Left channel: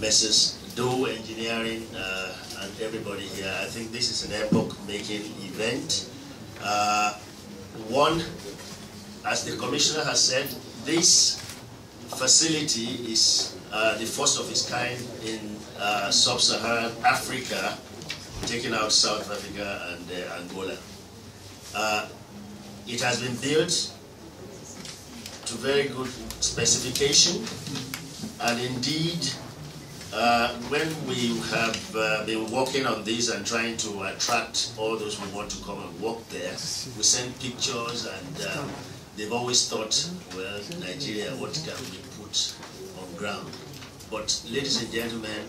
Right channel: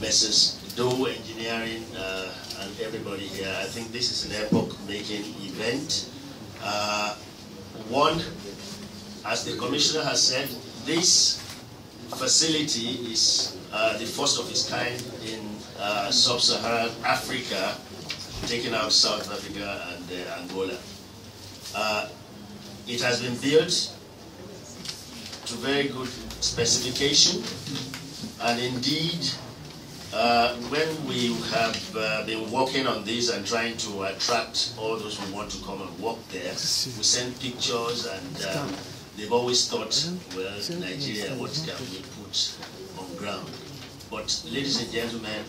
Mrs. Doe Engineering and everybody here. I think this is an epoch-making event. One, as the Commissioner has said, this facility is the first of its kind in sub-Saharan Africa, taking out South Africa and Angola. It has been built to very good specification, and indeed, when we have been working on this and trying to attract all those who want to come and work there, we send pictures, and they've always thought, well, Nigeria, what can we put on ground? But ladies and gentlemen,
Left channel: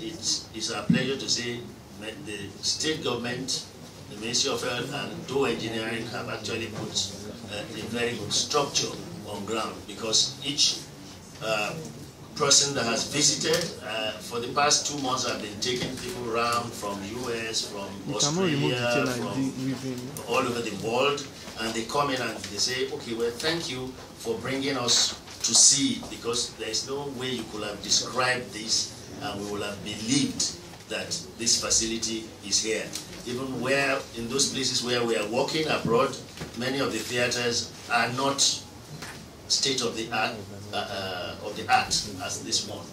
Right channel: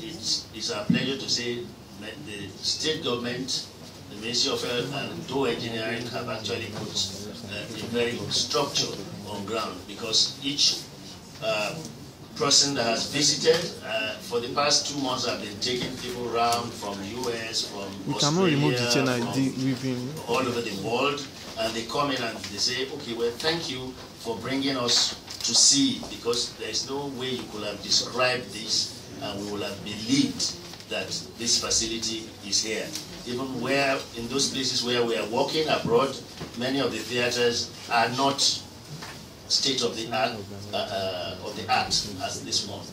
it's our pleasure to say that the state government, the Ministry of Health and Doe Engineering have actually put a very good structure on ground, because each person that has visited for the past 2 months have been taking people around from US, from Australia, from all over the world, and they come in and they say, okay, well, thank you for bringing us to see, because there is no way you could have described this and we would have believed that this facility is here. Even where, in those places where we are working abroad, many of the theaters are not state of the art as this one.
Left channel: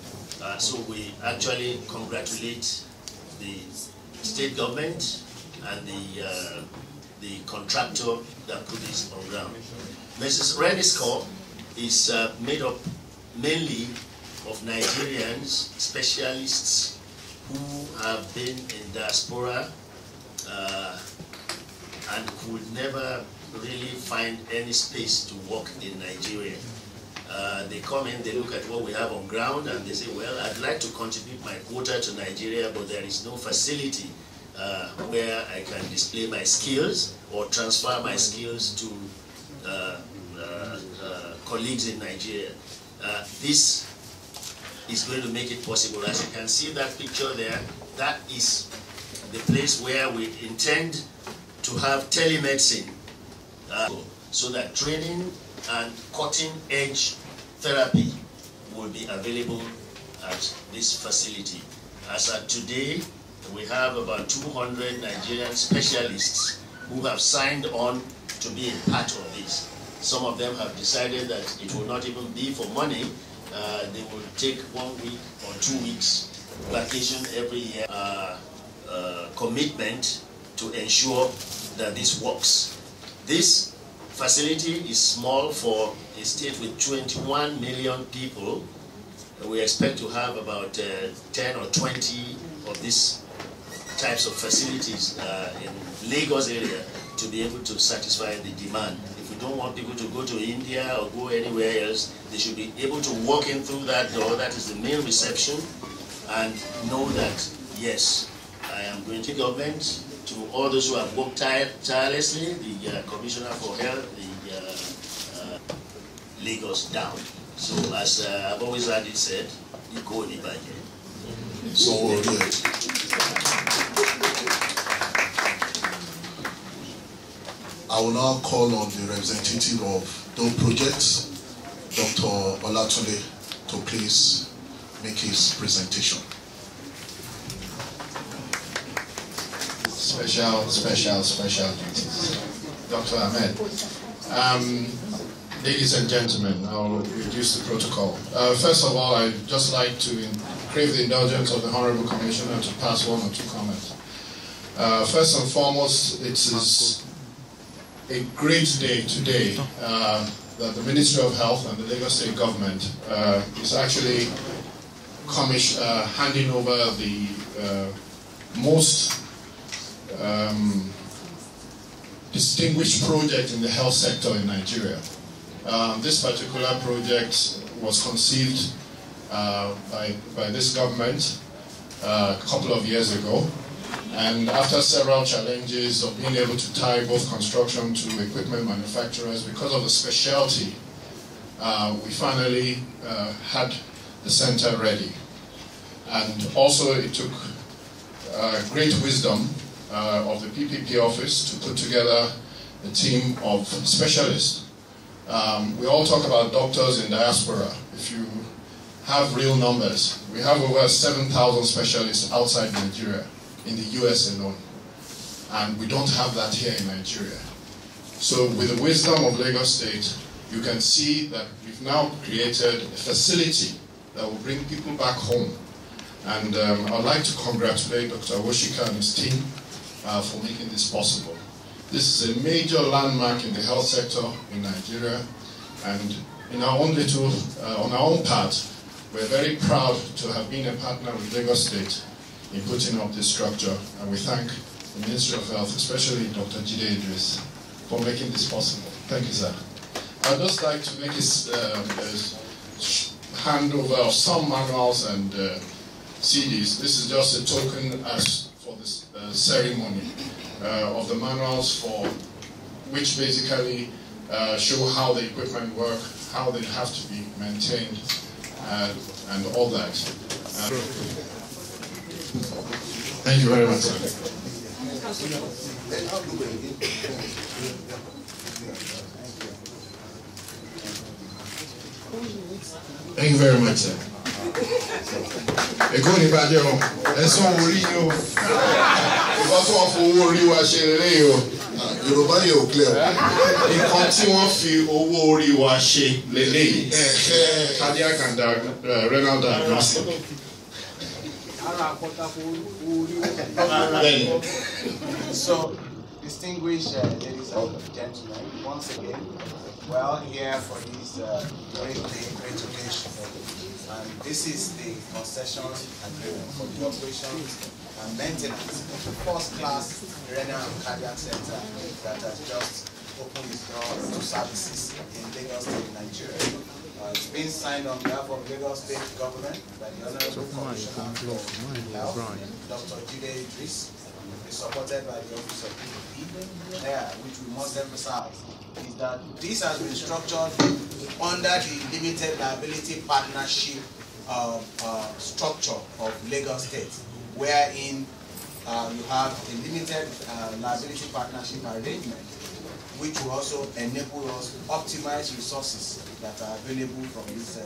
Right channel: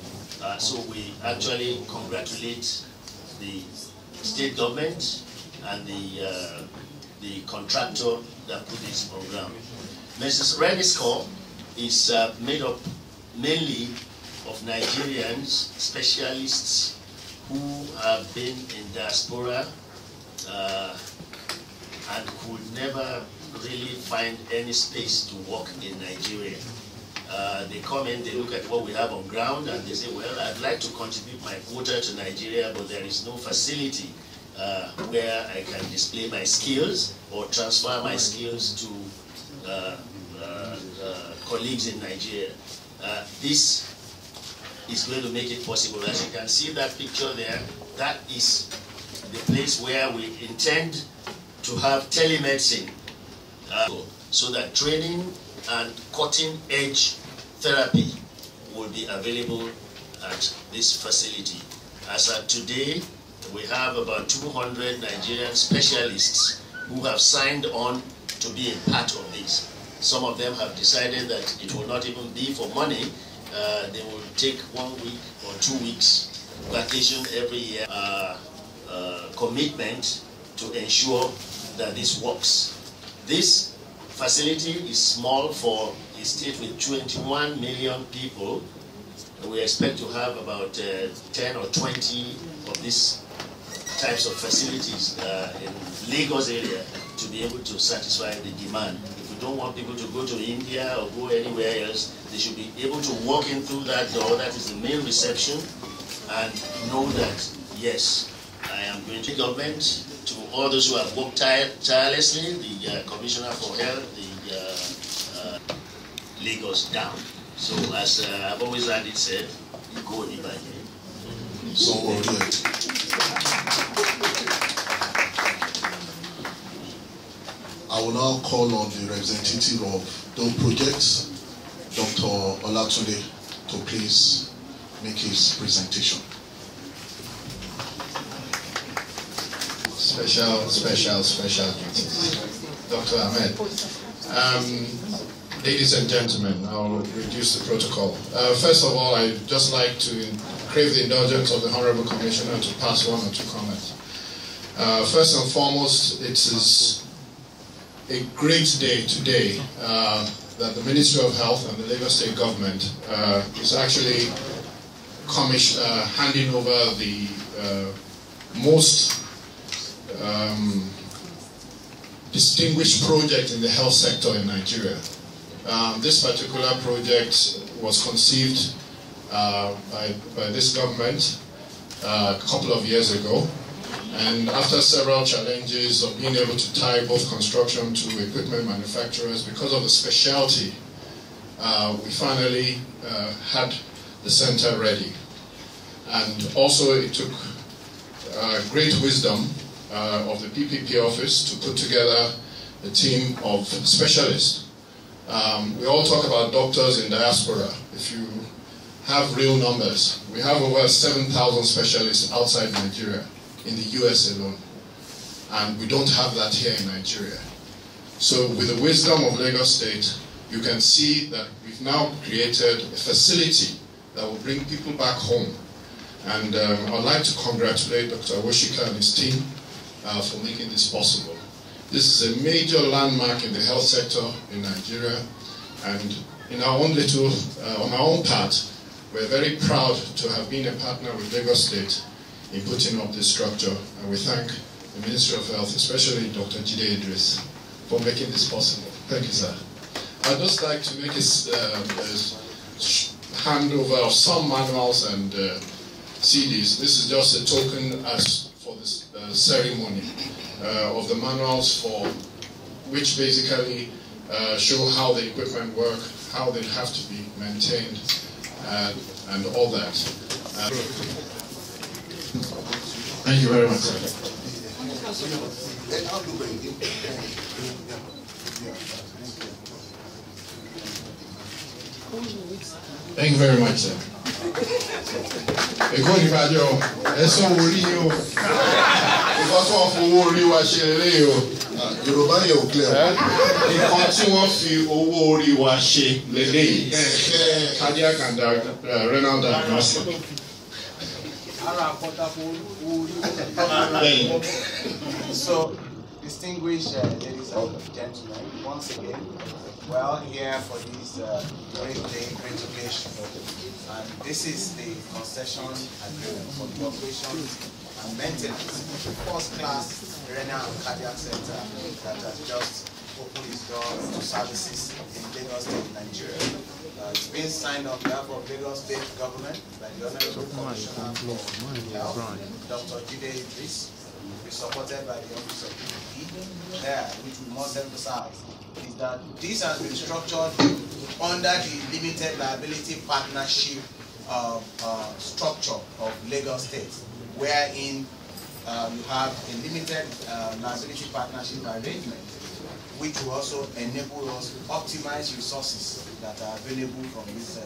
So we actually congratulate the state government and the contractor that put this on ground. Mrs. Rennie's Corps is made up mainly of Nigerians, specialists who have been in diaspora and could never really find any space to work in Nigeria. They come in, they look at what we have on ground, and they say, well, I'd like to contribute my quota to Nigeria, but there is no facility where I can display my skills or transfer my skills to colleagues in Nigeria. This is going to make it possible. As you can see that picture there, that is the place where we intend to have telemedicine, so that training and cutting-edge therapy will be available at this facility. As at today, we have about 200 Nigerian specialists who have signed on to be a part of this. Some of them have decided that it will not even be for money. They will take 1 week or 2 weeks vacation every year, commitment to ensure that this works. This facility is small for a state with 21 million people. We expect to have about 10 or 20 of these types of facilities in Lagos area to be able to satisfy the demand. If you don't want people to go to India or go anywhere else, they should be able to walk in through that door, that is the main reception, and know that, yes, I am going to government, to all those who have worked tirelessly, the Commissioner for Health, the Lagos down. So as I've always had it said, you go in by here. So I will now call on the representative of Doe Project, Dr. Olatunde, to please make his presentation. Special duties. Dr. Ahmed. Ladies and gentlemen, I'll reduce the protocol. First of all, I'd just like to crave the indulgence of the Honorable Commissioner to pass 1 or 2 comments. First and foremost, it is a great day today that the Ministry of Health and the Lagos State Government is actually handing over the most distinguished project in the health sector in Nigeria. This particular project was conceived by this government a couple of years ago, and after several challenges of being able to tie both construction to equipment manufacturers because of the specialty, we finally had the center ready. And also it took great wisdom of the PPP office to put together a team of specialists. We all talk about doctors in diaspora. If you have real numbers. We have over 7,000 specialists outside Nigeria, in the US alone. And we don't have that here in Nigeria. So with the wisdom of Lagos State, you can see that we've now created a facility that will bring people back home. And I'd like to congratulate Dr. Awoshika and his team for making this possible. This is a major landmark in the health sector in Nigeria, and in our own little, on our own part, we're very proud to have been a partner with Lagos State in putting up this structure, and we thank the Ministry of Health, especially Dr. Jide Idris, for making this possible. Thank you, sir. I'd just like to make a handover of some manuals and CDs. This is just a token as for this ceremony of the manuals for which basically show how the equipment work, how they have to be maintained, and all that. Thank you very much. Thank you very much, sir. Èkó ní bàjẹ́ o, ẹ̀sán orí ni o, ìkọ́ tí wọ́n fi owó orí wa ṣe lélẹ́yìí o. Yorùbá yẹn ò clear. Nǹkan tí wọ́n fi owó orí wa ṣe lélẹ́yìí. Cardiac and renal diagnostic. So, distinguished ladies and gentlemen, once again, we're all here for this great day, great occasion. And this is the concession agreement for the operations and maintenance of the first-class renal and cardiac center that has just opened its doors to services in Lagos State, Nigeria. It's been signed on behalf of Lagos State government by the Honorable Commissioner for Health, Dr. Jide Idris. It's supported by the Office of PPP, which we must emphasize is that this has been structured under the limited liability partnership structure of Lagos State, wherein you have a limited liability partnership arrangement, which will also enable us to optimize resources that are available from this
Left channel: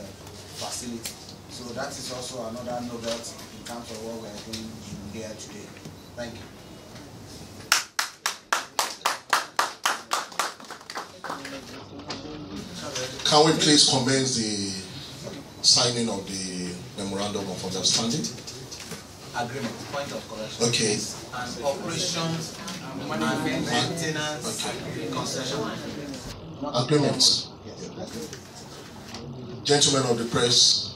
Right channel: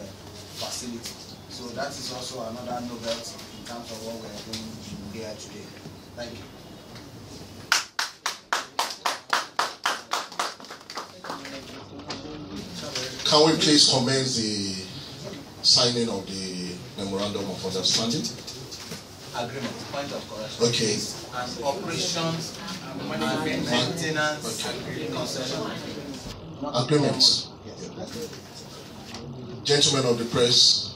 facility. So that is also another novelty in terms of what we are doing here today. Thank you. Can we please commence the signing of the Memorandum of Understanding? Agreement, point of correction. Okay. And operations and maintenance concession. Agreements. Yes. Gentlemen of the press,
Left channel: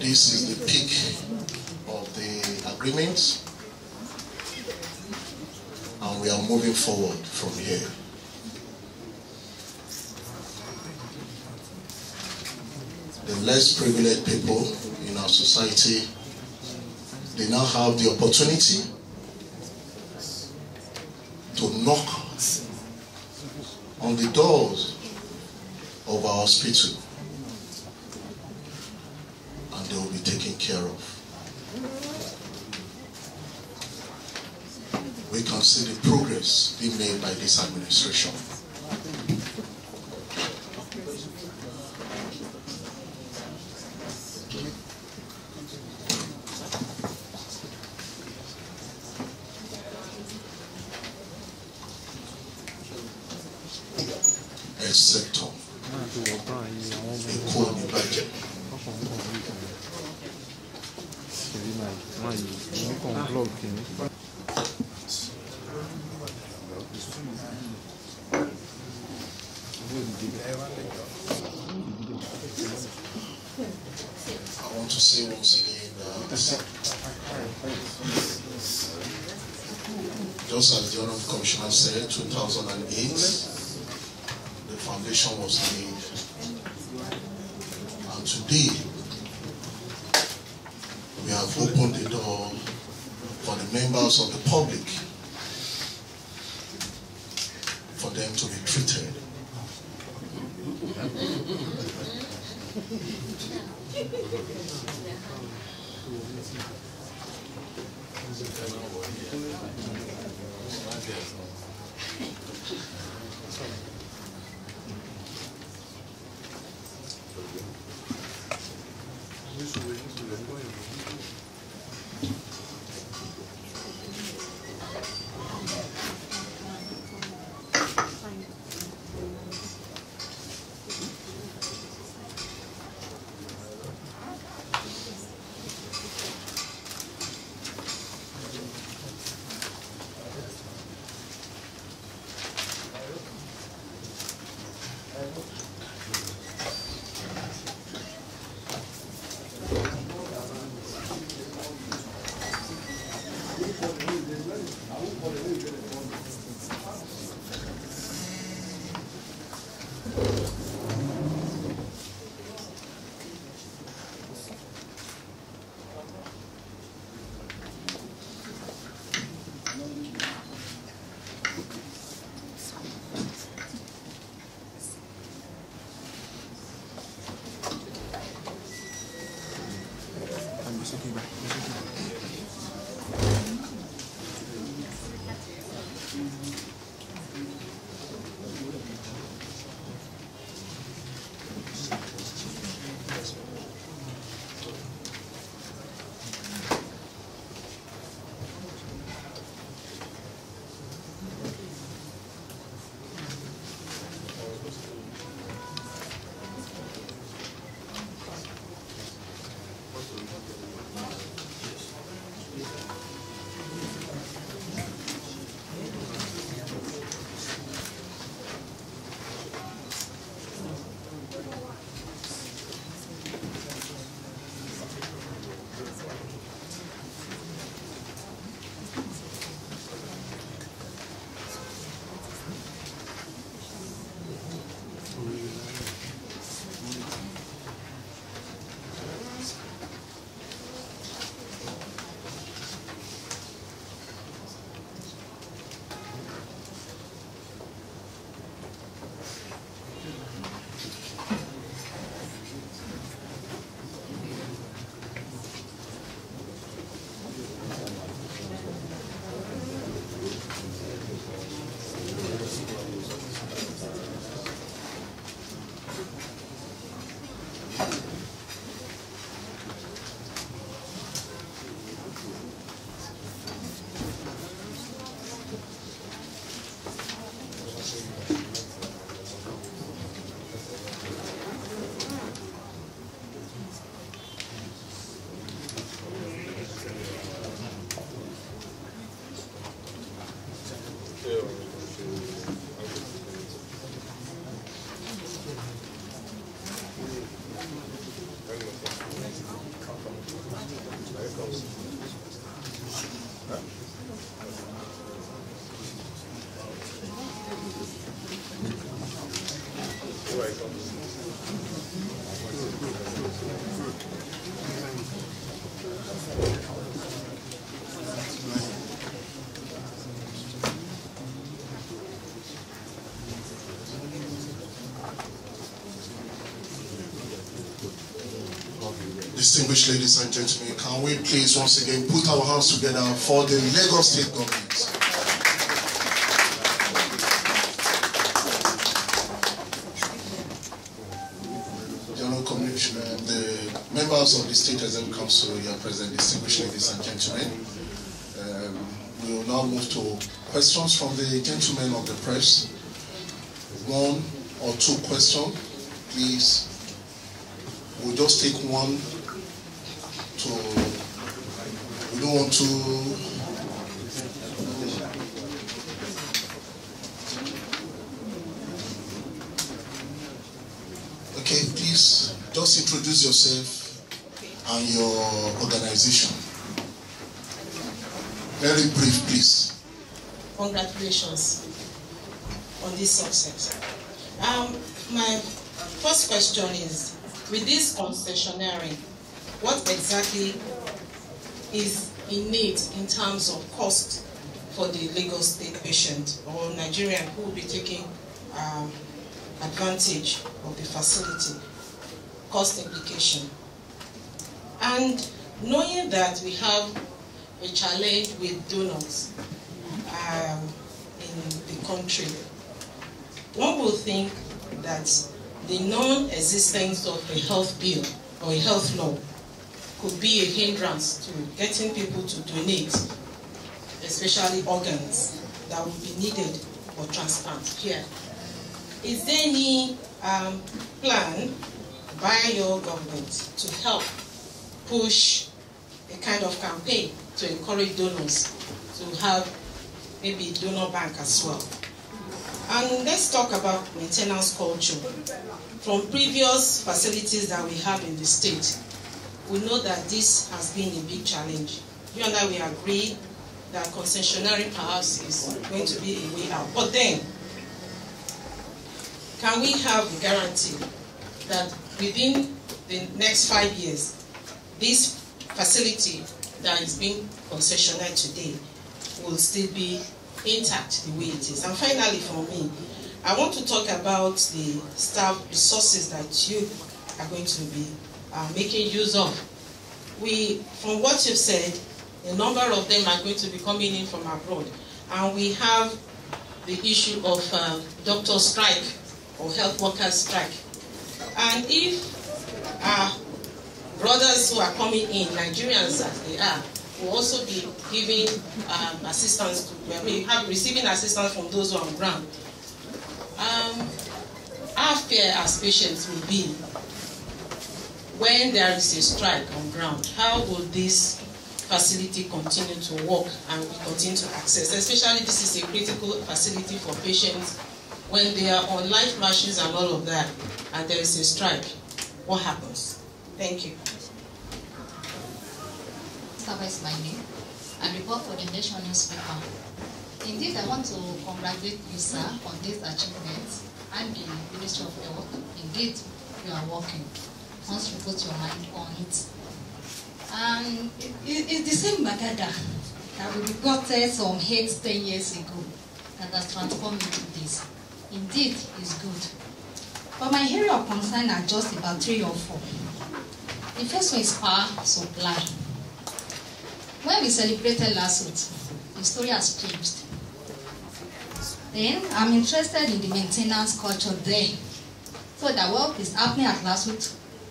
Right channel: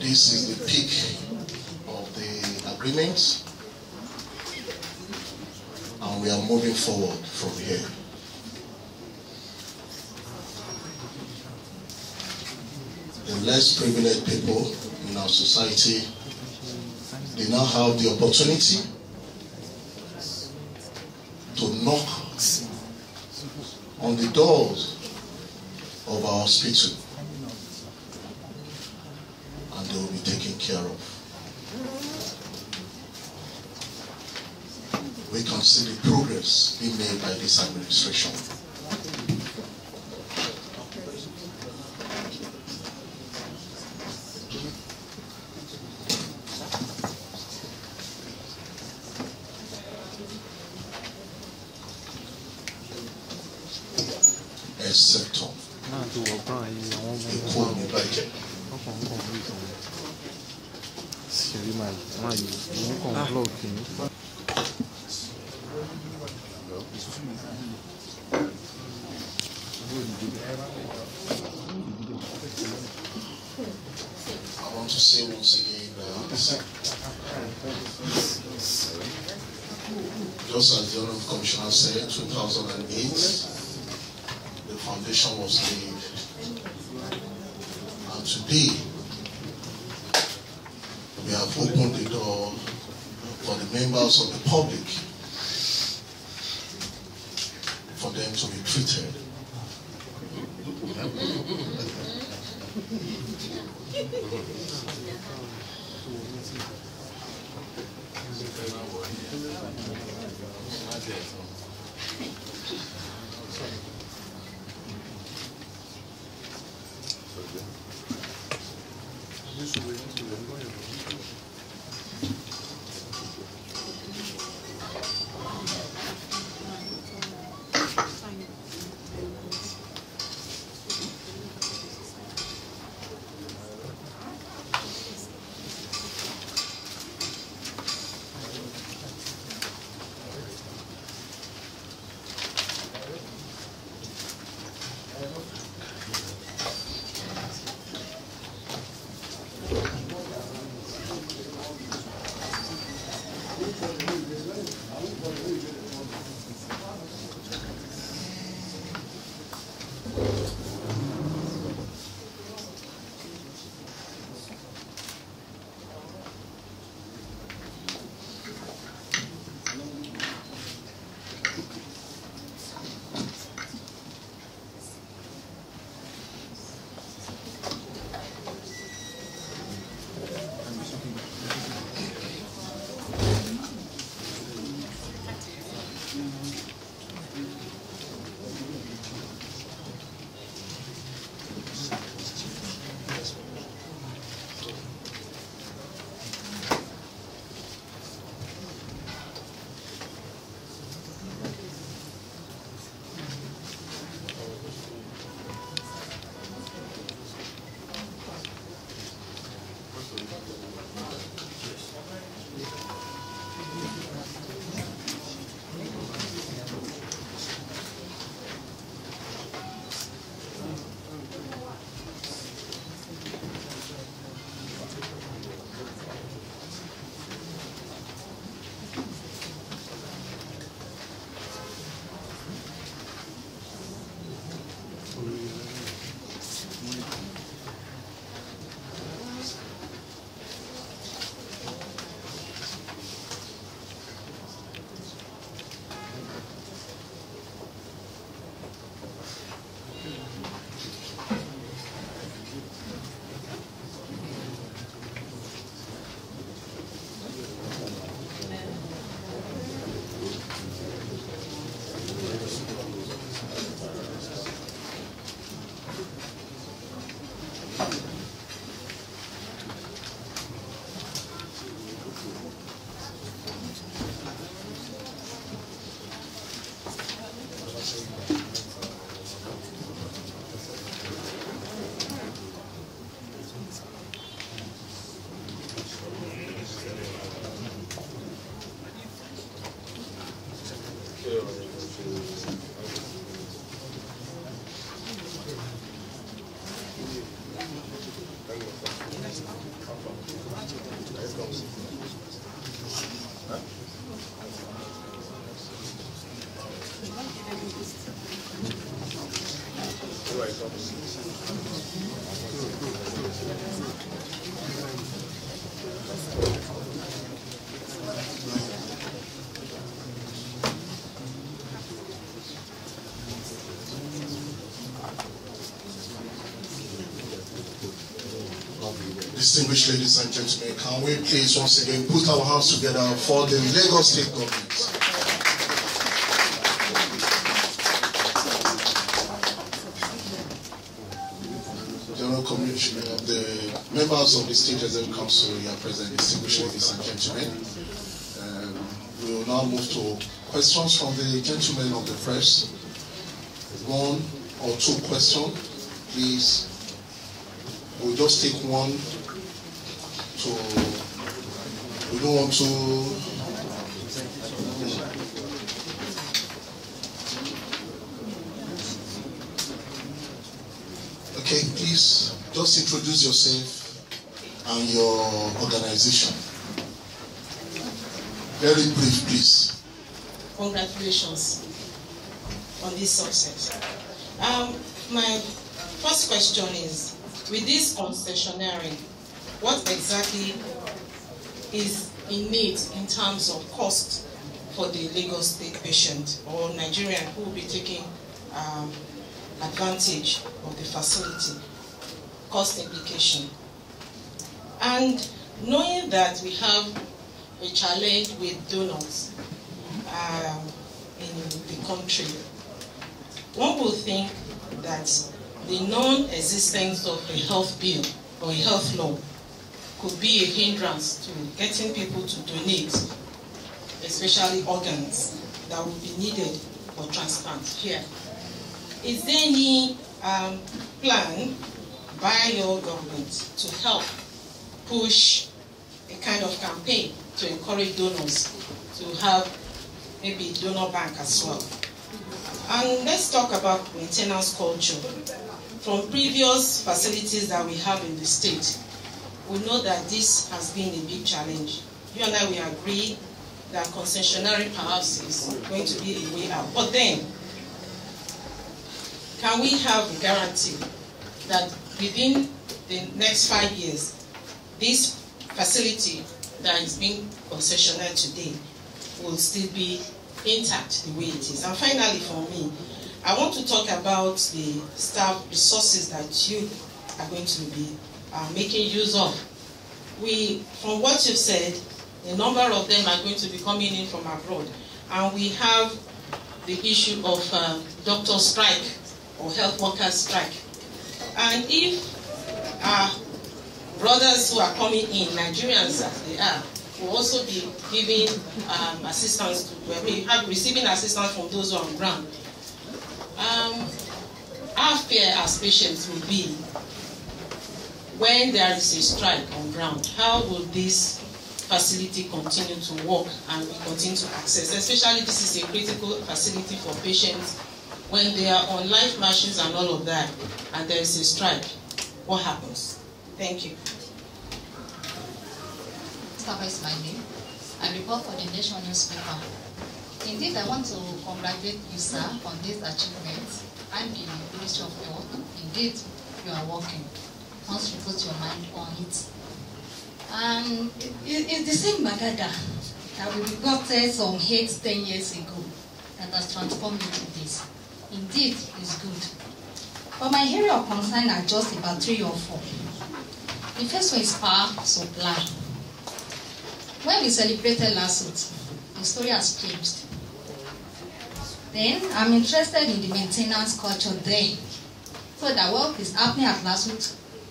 this is the peak of the agreement, and we are moving forward from here. The less privileged people in our society, they now have the opportunity to knock on the doors of our hospital, and they will be taken care of. We can see the progress being made by this administration. Sector. I want to say once again that just as the Honorable Commissioner said, 2008, the foundation was laid, and today we have opened the door for the members of the public for them to be treated. Distinguished ladies and gentlemen, can we please once again put our hands together for the Lagos State Government? General Commissioner, the members of the State Executive Council here present, distinguished ladies and gentlemen. We will now move to questions from the gentlemen of the press. One or two questions, please. We'll just take one. We don't want to. Okay, please just introduce yourself and your organization. Very brief, please. Congratulations on this success. My first question is, with this concessionary, what exactly is in need in terms of cost for the Lagos State patient or Nigerian who will be taking advantage of the facility? Cost implication. And knowing that we have a challenge with donors in the country. One would think that the non-existence of a health bill or a health law could be a hindrance to getting people to donate, especially organs that would be needed for transplant here. Is there any plan by your government to help push a kind of campaign to encourage donors to have maybe a donor bank as well? And let's talk about maintenance culture. From previous facilities that we have in the state, we know that this has been a big challenge. You and I, we agree that concessionary perhaps is going to be a way out. But then, can we have a guarantee that within the next 5 years, this facility that is being concessionary today will still be intact the way it is? And finally, for me, I want to talk about the staff resources that you are going to be making use of. From what you've said, a number of them are going to be coming in from abroad. And we have the issue of doctor strike or health workers strike. And if our brothers who are coming in, Nigerians as they are, will also be giving assistance, receiving assistance from those who are on ground. Our fear as patients will be when there is a strike on ground, how will this facility continue to work and we continue to access? Especially this is a critical facility for patients when they are on life machines and all of that, and there is a strike. What happens? Thank you. Is my name. I report for the Nation newspaper. Indeed, I want to congratulate you, sir, on this achievement and the Ministry of Health. Indeed, you are working once you put your mind on it. And it's the same Bagada that we got some 8-10 years ago that has transformed into this. Indeed, it's good. But my area of concern are just about 3 or 4. The first one is power supply. When we celebrated last week, the story has changed. Then I'm interested in the maintenance culture there. So that what is happening at last week,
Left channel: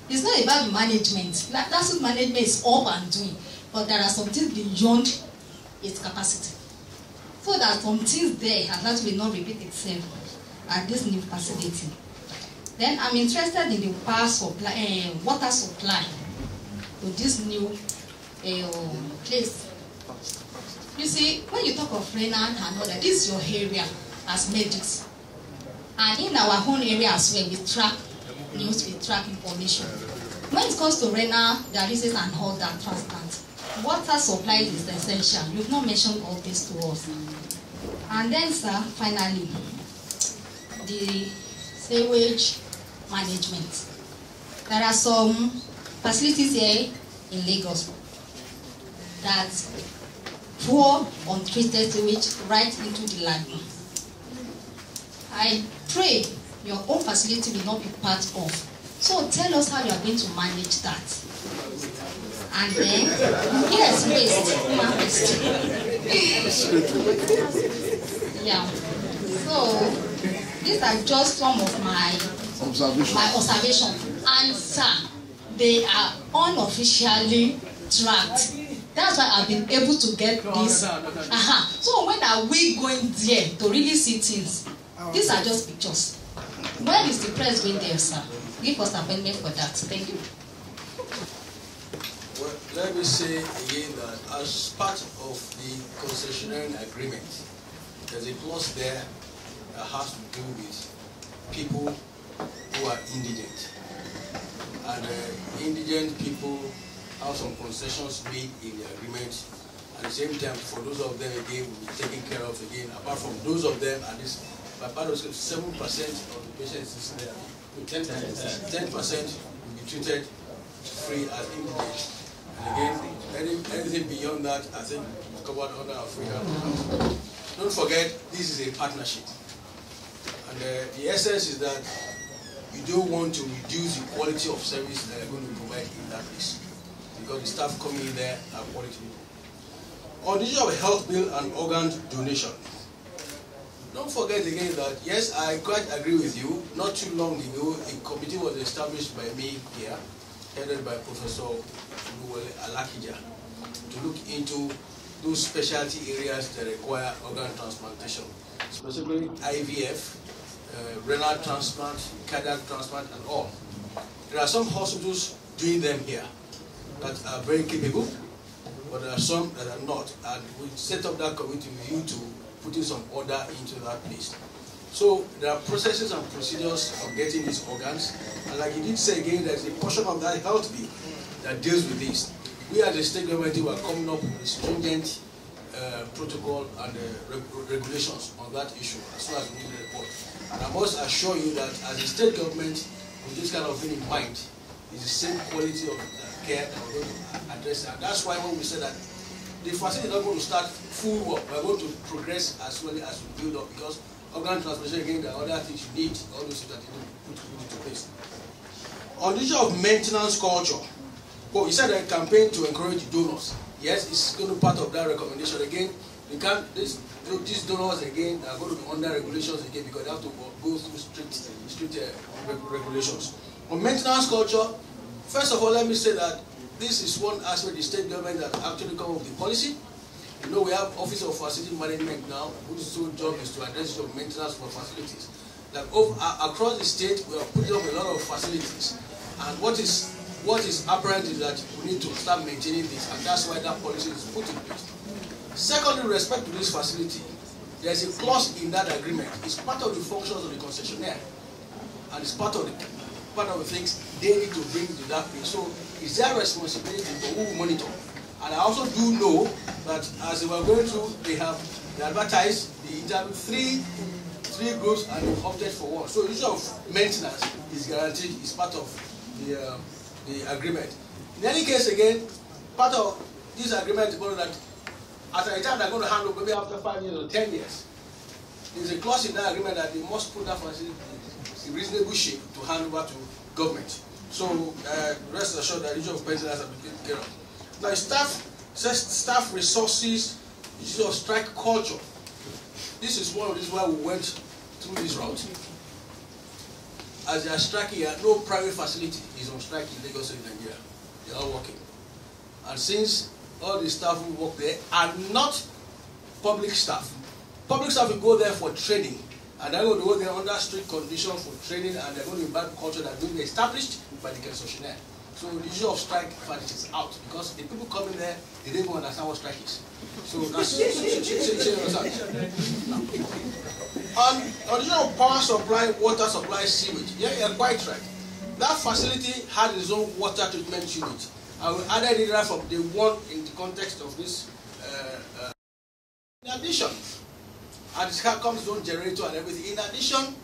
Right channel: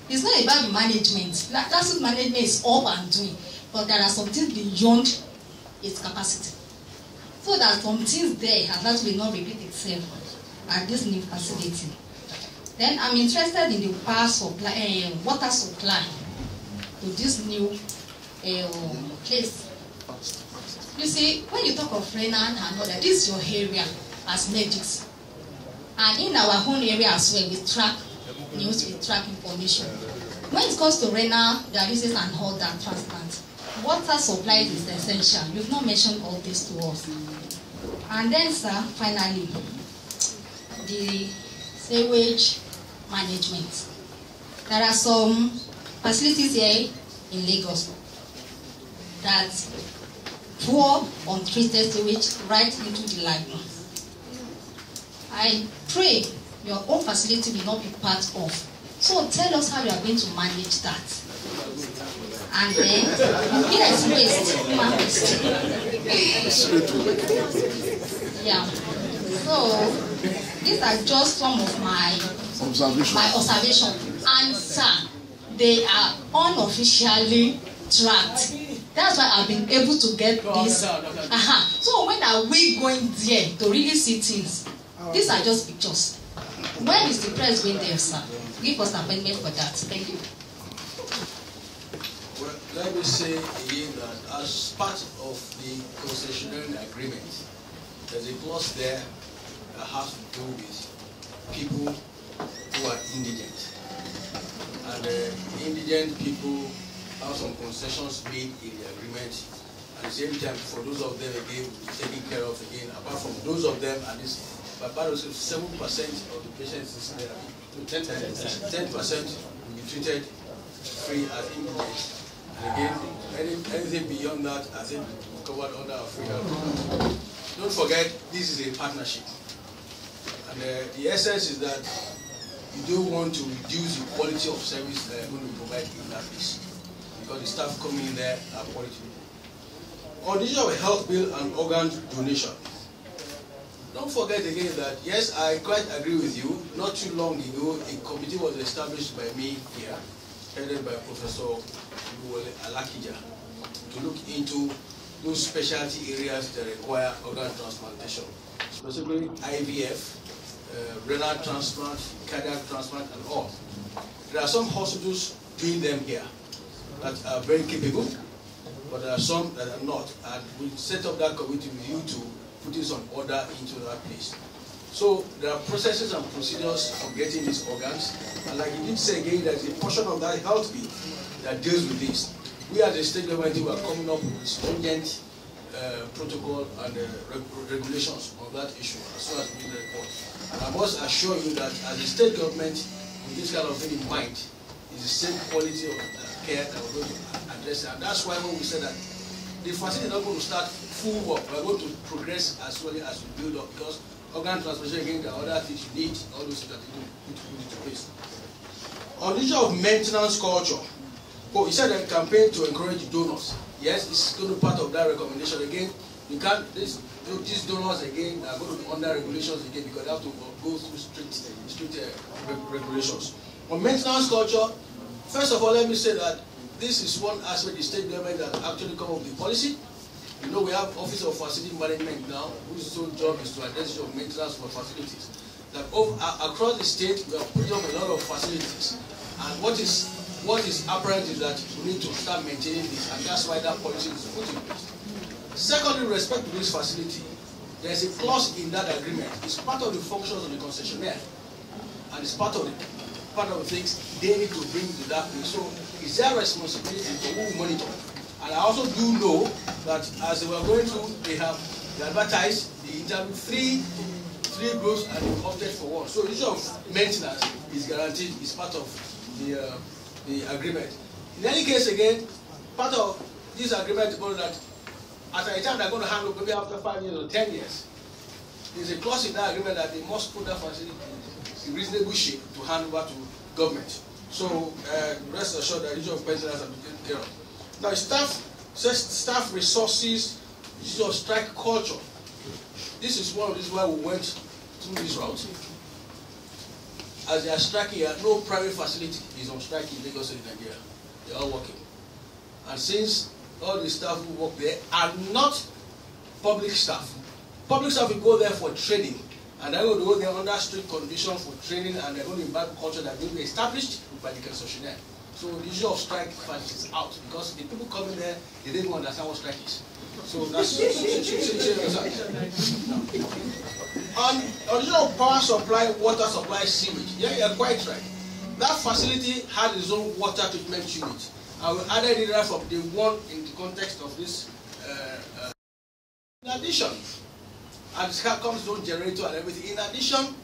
it's not about the management. Last week management is up and doing, but there are some things beyond its capacity. So that some things there at last will not repeat itself at this new facility. Then I'm interested in the power supply, water supply to this new place. You see, when you talk of renal and all that, this is your area as medics. And in our own area as well, we track news, we track information. When it comes to renal dialysis and all that transplant, water supply is essential. You've not mentioned all this to us. And then, sir, finally, the sewage management. There are some facilities here in Lagos that pour untreated sewage right into the lagoon. I pray your own facility will not be part of. So tell us how you are going to manage that. And then, yes, waste. Yeah. So these are just some of my observations. And sir, they are unofficially tracked. That's why I've been able to get this. So when are we going there to really see things? These are just pictures. When is the press going there, sir? Give us an appointment for that. Thank you. Well, let me say again that as part of the concessionary agreement, there's a clause there that has to do with people who are indigent. And indigent people have some concessions made in the agreement. At the same time, for those of them, again, will be taken care of again. Apart from those of them, at least, but about 7% of the patients there, 10% will be treated free as indigent. And again, anything beyond that, I think, is covered under our free health. Don't forget, this is a partnership. And the essence is that you don't want to reduce the quality of service that you're going to provide in that place. Because the staff coming in there are quality. On the issue of health bill and organ donation, don't forget again that, yes, I quite agree with you. Not too long ago, a committee was established by me here, headed by Professor Alakija, to look into those specialty areas that require organ transplantation, specifically IVF, renal transplant, cardiac transplant, and all. There are some hospitals doing them here that are very capable, but there are some that are not. And we set up that committee with you to put in some order into that place. So there are processes and procedures for getting these organs. And like you did say again, there's a portion of that health bill that deals with this. We as a state government were coming up with stringent protocol and regulations on that issue as soon as we did the report. And I must assure you that as a state government, with this kind of thing in mind, it's the same quality of care that we're going to address. And that's why when we said that the facility is not going to start full work, we're going to progress as slowly as we build up, because organ transplantation, again, there are other things you need, all those things that you put into place. On the issue of maintenance culture, you said a campaign to encourage donors. Yes, it's going to be part of that recommendation. Again, you can't, these donors again are going to be under regulations again, because they have to go through strict regulations. On maintenance culture, first of all, let me say that this is one aspect the state government that actually come up with the policy. You know, we have Office of Facility Management now, whose sole job is to address the maintenance for facilities. That across the state, we have put up a lot of facilities, and what is apparent is that we need to start maintaining this, and that's why that policy is put in place. Secondly, with respect to this facility, there's a clause in that agreement. It's part of the functions of the concessionaire, and it's part of the things they need to bring to that place. So it's their responsibility to who will monitor. And I also do know that as they were going through, they advertised the interview three groups and they opted for one. So the issue of maintenance is guaranteed, is part of the agreement. In any case, again, part of this agreement is going that at a time they're going to handle maybe after 5 years or 10 years. There's a clause in that agreement that they must put that facility in reasonable shape to hand over to government. So rest assured that the issue of maintenance has been taken care of. Now, staff resources, issue of strike culture. This is one of these why we went through this route. As they are striking here, no private facility is on strike in Lagos in Nigeria. They are all working. And since all the staff who work there are not public staff will go there for training, and they're going to go there under strict conditions for training, and they're going to imbibe culture that will be established by the concessionaire. So the issue of strike is out, because the people coming there, they didn't understand what strike is. So that's on the issue of power supply, water supply, sewage. Yeah, you're quite right. That facility had its own water treatment unit. And we added it right from day one in the context of this. In addition, and it comes its own generator and everything. In addition,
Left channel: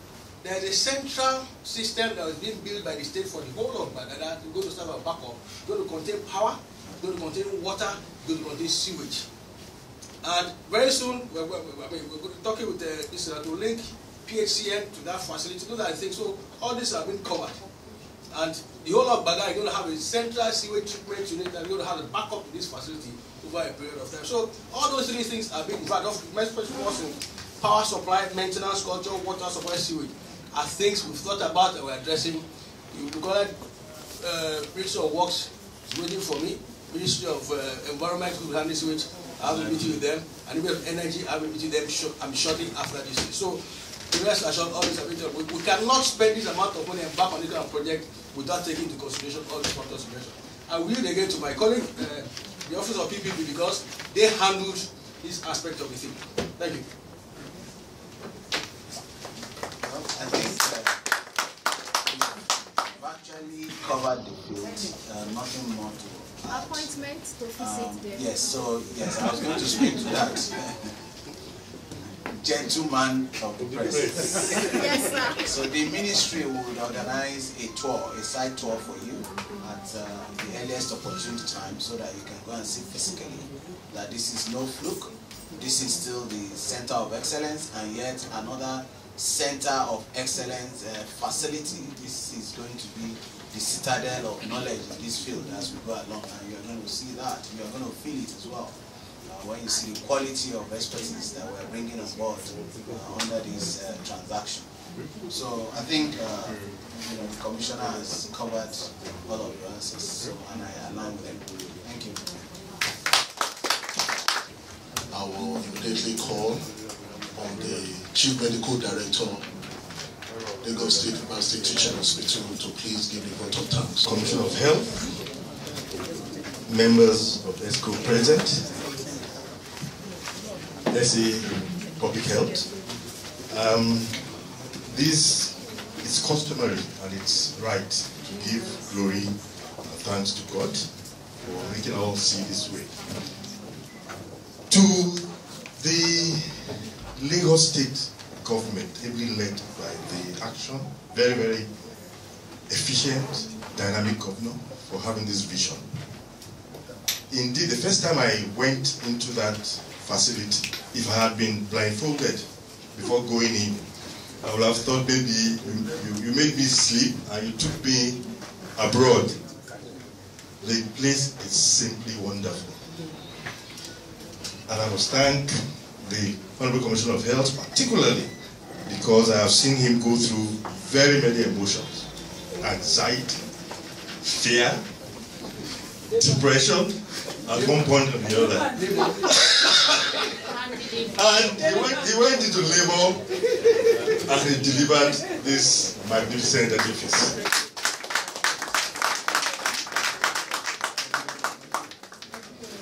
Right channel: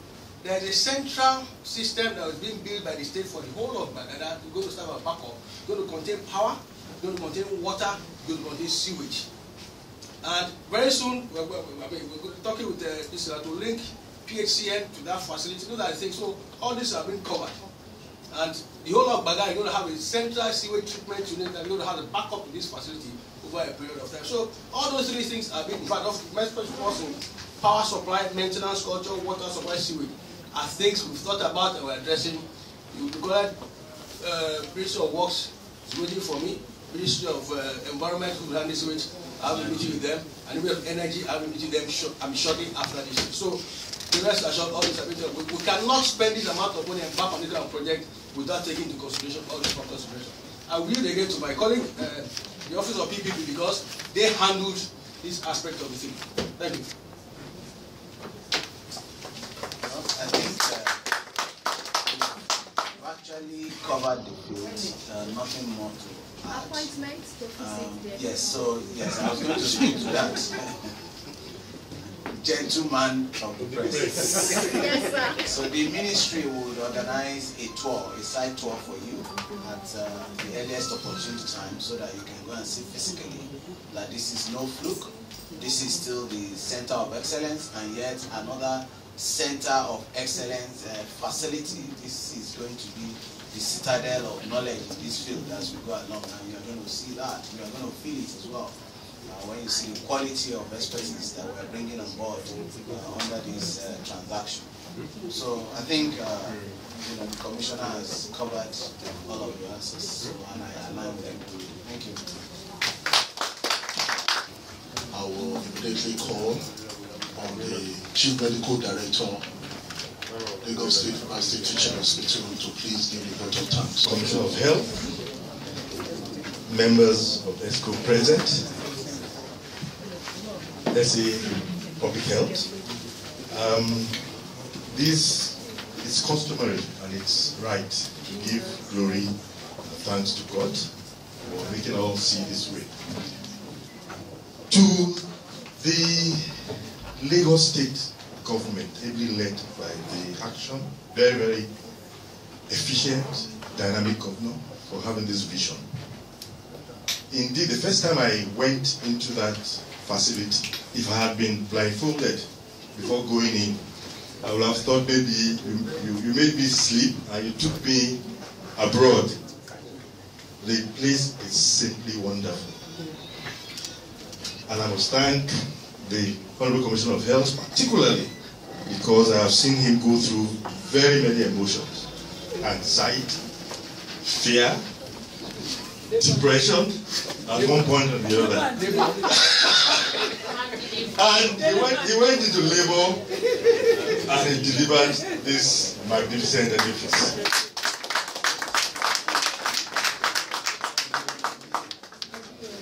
there's a central system that was being built by the state for the whole of Baghdad. It's going to serve a backup. It's going to contain power, it's going to contain water, it's going to contain sewage. And very soon, we're talking with this to link PHCN to that facility. Those are the things. So all this have been covered. And the whole of Baghdad is going to have a central sewage treatment unit that is going to have a backup in this facility over a period of time. So all those three things are being, in fact, in power supply, maintenance culture, water supply, sewage, are things we've thought about and we're addressing. You call it Ministry of Works is waiting for me. Ministry of Environment, who will handle sewage, I have a meeting with them. And Ministry of Energy, I have a meeting with them. I'm shortly after this. So the rest assured, all this ability. We cannot spend this amount of money and back on this kind of project without taking into consideration all these factors. I will yield again to my colleague, the Office of PPP, because they handled this aspect of the thing. Thank you. I think we've actually covered the field. Nothing more to add. Appointment to visit them. Yes, so yes, I was going to speak to that. Gentleman of the press. Yes, sir. So the ministry would organize a tour, a site tour for you at the earliest opportune time, so that you can go and see physically that this is no fluke. This is still the center of excellence, and yet another center of excellence facility. This is going to be the citadel of knowledge in this field as we go along, and you're going to see that, and you're going to feel it as well. when you see the quality of expertise that we're bringing on board under this transaction. So I think the Commissioner has covered all of your answers, so, and I align with him. Thank you. I will immediately call on the Chief Medical Director, Lagos State University Teaching Hospital, to please give the vote of thanks. Commissioner of Health, members of ESCO present, SA Public Health. This is customary and it's right to give glory and thanks to God for making all see this way. To the Lagos State government, ably led by the action, very, very efficient, dynamic governor, for having this vision. Indeed, the first time I went into that facility, if I had been blindfolded before going in, I would have thought maybe you made me sleep and you took me abroad. The place is simply wonderful. And I must thank the Honorable Commissioner of Health particularly because I have seen him go through very many emotions. Anxiety, fear, depression, at one point or the other. And he went into labor and he delivered this magnificent edifice.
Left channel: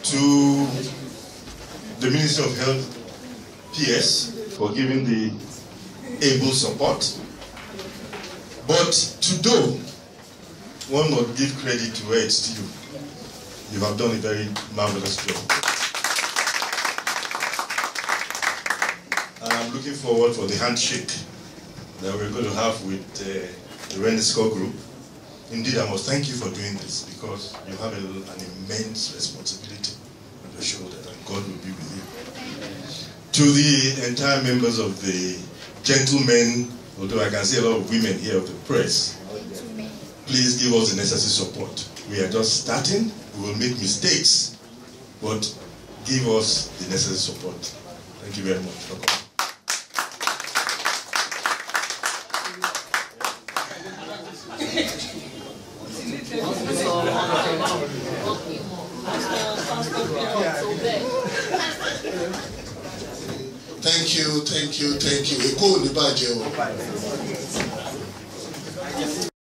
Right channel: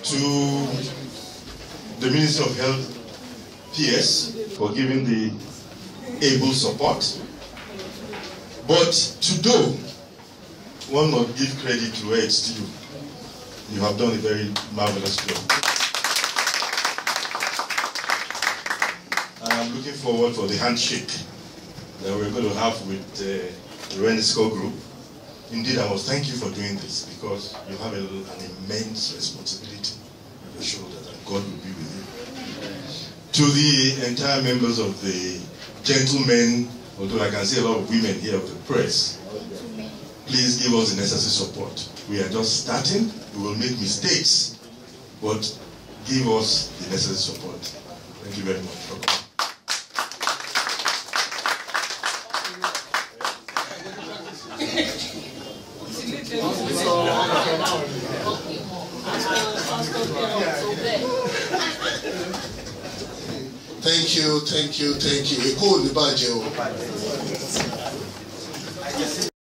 To the Minister of Health, PS, for giving the able support. But to do, one must give credit to where it's due. You have done a very marvelous job. I'm looking forward for the handshake that we're going to have with the Renisco group. Indeed, I must thank you for doing this because you have an immense responsibility on your shoulder, and God will be with you. To the entire members of the gentlemen, although I can see a lot of women here of the press, please give us the necessary support. We are just starting, we will make mistakes, but give us the necessary support. Thank you very much. Thank you.